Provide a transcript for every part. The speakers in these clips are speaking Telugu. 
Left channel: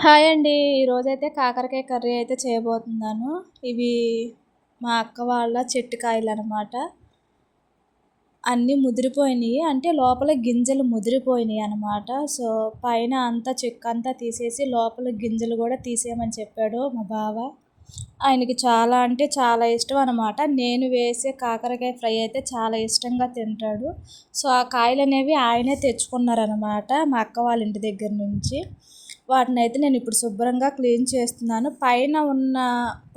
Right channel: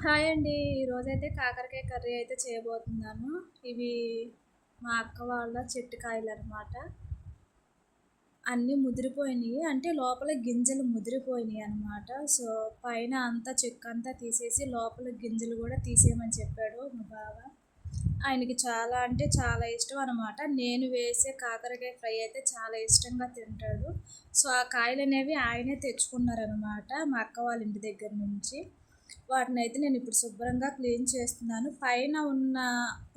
హాయ్ అండి. ఈరోజైతే కాకరకాయ కర్రీ అయితే చేయబోతున్నాను. ఇవి మా అక్క వాళ్ళ చెట్టు కాయలనమాట. అన్నీ ముదిరిపోయినాయి. అంటే లోపల గింజలు ముదిరిపోయినాయి అనమాట. సో, పైన అంతా చెక్కంతా తీసేసి లోపల గింజలు కూడా తీసేయమని చెప్పాడు మా బావ. ఆయనకి చాలా అంటే చాలా ఇష్టం అనమాట. నేను వేసే కాకరకాయ ఫ్రై అయితే చాలా ఇష్టంగా తింటాడు. సో, ఆ కాయలనేవి ఆయనే తెచ్చుకున్నారనమాట మా అక్క వాళ్ళ ఇంటి దగ్గర నుంచి. వాటినైతే నేను ఇప్పుడు శుభ్రంగా క్లీన్ చేస్తున్నాను. పైన ఉన్న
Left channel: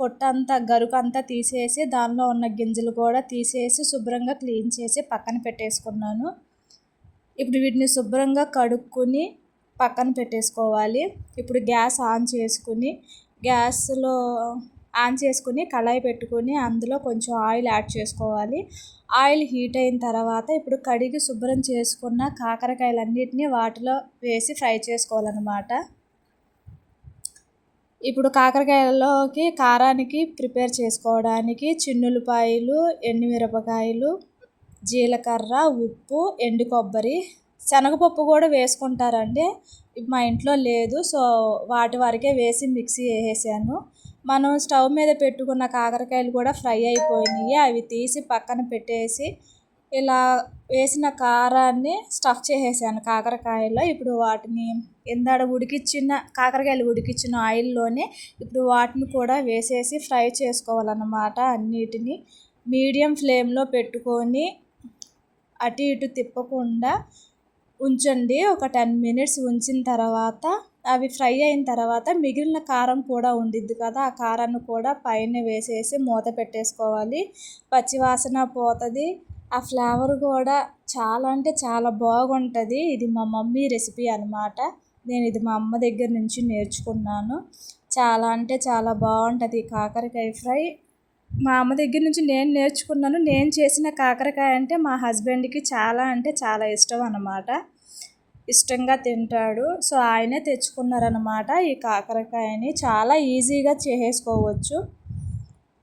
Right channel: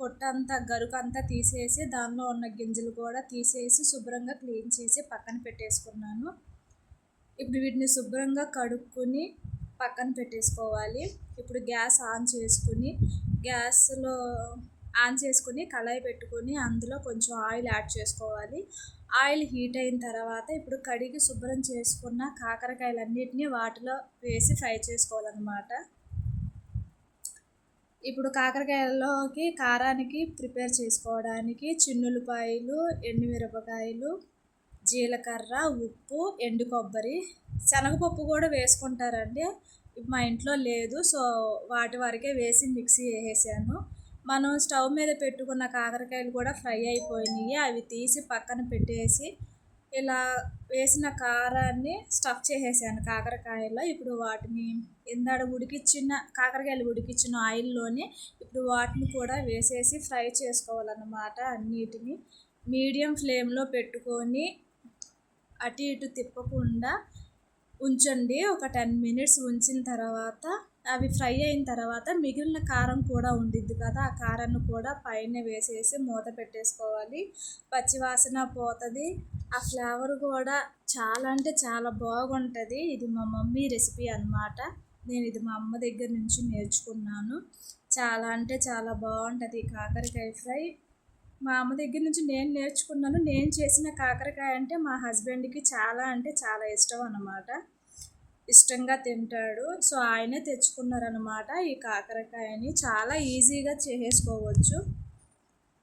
పొట్టంతా గరుకంతా తీసేసి దానిలో ఉన్న గింజలు కూడా తీసేసి శుభ్రంగా క్లీన్ చేసి పక్కన పెట్టేసుకున్నాను. ఇప్పుడు వీటిని శుభ్రంగా కడుక్కొని పక్కన పెట్టేసుకోవాలి. ఇప్పుడు గ్యాస్ ఆన్ చేసుకుని కళాయి పెట్టుకొని అందులో కొంచెం ఆయిల్ యాడ్ చేసుకోవాలి. ఆయిల్ హీట్ అయిన తర్వాత ఇప్పుడు కడిగి శుభ్రం చేసుకున్న కాకరకాయలన్నిటిని వాటిలో వేసి ఫ్రై చేసుకోవాలన్నమాట. ఇప్పుడు కాకరకాయల్లోకి కారానికి ప్రిపేర్ చేసుకోవడానికి చిన్నుల్లిపాయలు, ఎండుమిరపకాయలు, జీలకర్ర, ఉప్పు, ఎండు కొబ్బరి, శనగపప్పు కూడా వేసుకుంటారండి. మా ఇంట్లో లేదు. సో, వాటి వరకే వేసి మిక్సీ వేసేసాను. మనం స్టవ్ మీద పెట్టుకున్న కాకరకాయలు కూడా ఫ్రై అయిపోయినాయి. అవి తీసి పక్కన పెట్టేసి ఇలా వేసిన కారాన్ని స్టఫ్ చేసేసాను కాకరకాయలో. ఇప్పుడు వాటిని కాకరకాయలు ఉడికించిన ఆయిల్లోనే ఇప్పుడు వాటిని కూడా వేసేసి ఫ్రై చేసుకోవాలన్నమాట. అన్నిటినీ మీడియం ఫ్లేమ్లో పెట్టుకొని అటు ఇటు తిప్పకుండా ఉంచండి. ఒక 10 మినిట్స్ ఉంచిన తర్వాత అవి ఫ్రై అయిన తర్వాత మిగిలిన కారం కూడా ఉండిద్ది కదా, ఆ కారాన్ని కూడా పైన వేసేసి మూత పెట్టేసుకోవాలి. పచ్చివాసన పోతుంది. ఆ ఫ్లేవర్ కూడా చాలా అంటే చాలా బాగుంటుంది. ఇది మా మమ్మీ రెసిపీ అనమాట. నేను ఇది మా అమ్మ దగ్గర నుంచి నేర్చుకున్నాను. చాలా అంటే చాలా బాగుంటుంది కాకరకాయ ఫ్రై. మా అమ్మ దగ్గర నుంచి నేను నేర్చుకున్నాను. నేను చేసిన కాకరకాయ అంటే మా హస్బెండ్కి చాలా అంటే చాలా ఇష్టం అన్నమాట. ఇష్టంగా తింటాడు. సో, ఆయనే తెచ్చుకున్నారనమాట ఈ కాకరకాయని. చాలా ఈజీగా చేసుకోవచ్చు.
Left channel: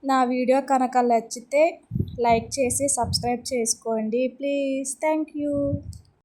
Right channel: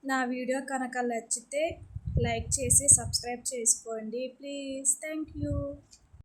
నా వీడియో కనుక నచ్చితే లైక్ చేసి సబ్స్క్రైబ్ చేసుకోండి ప్లీజ్. Thank you.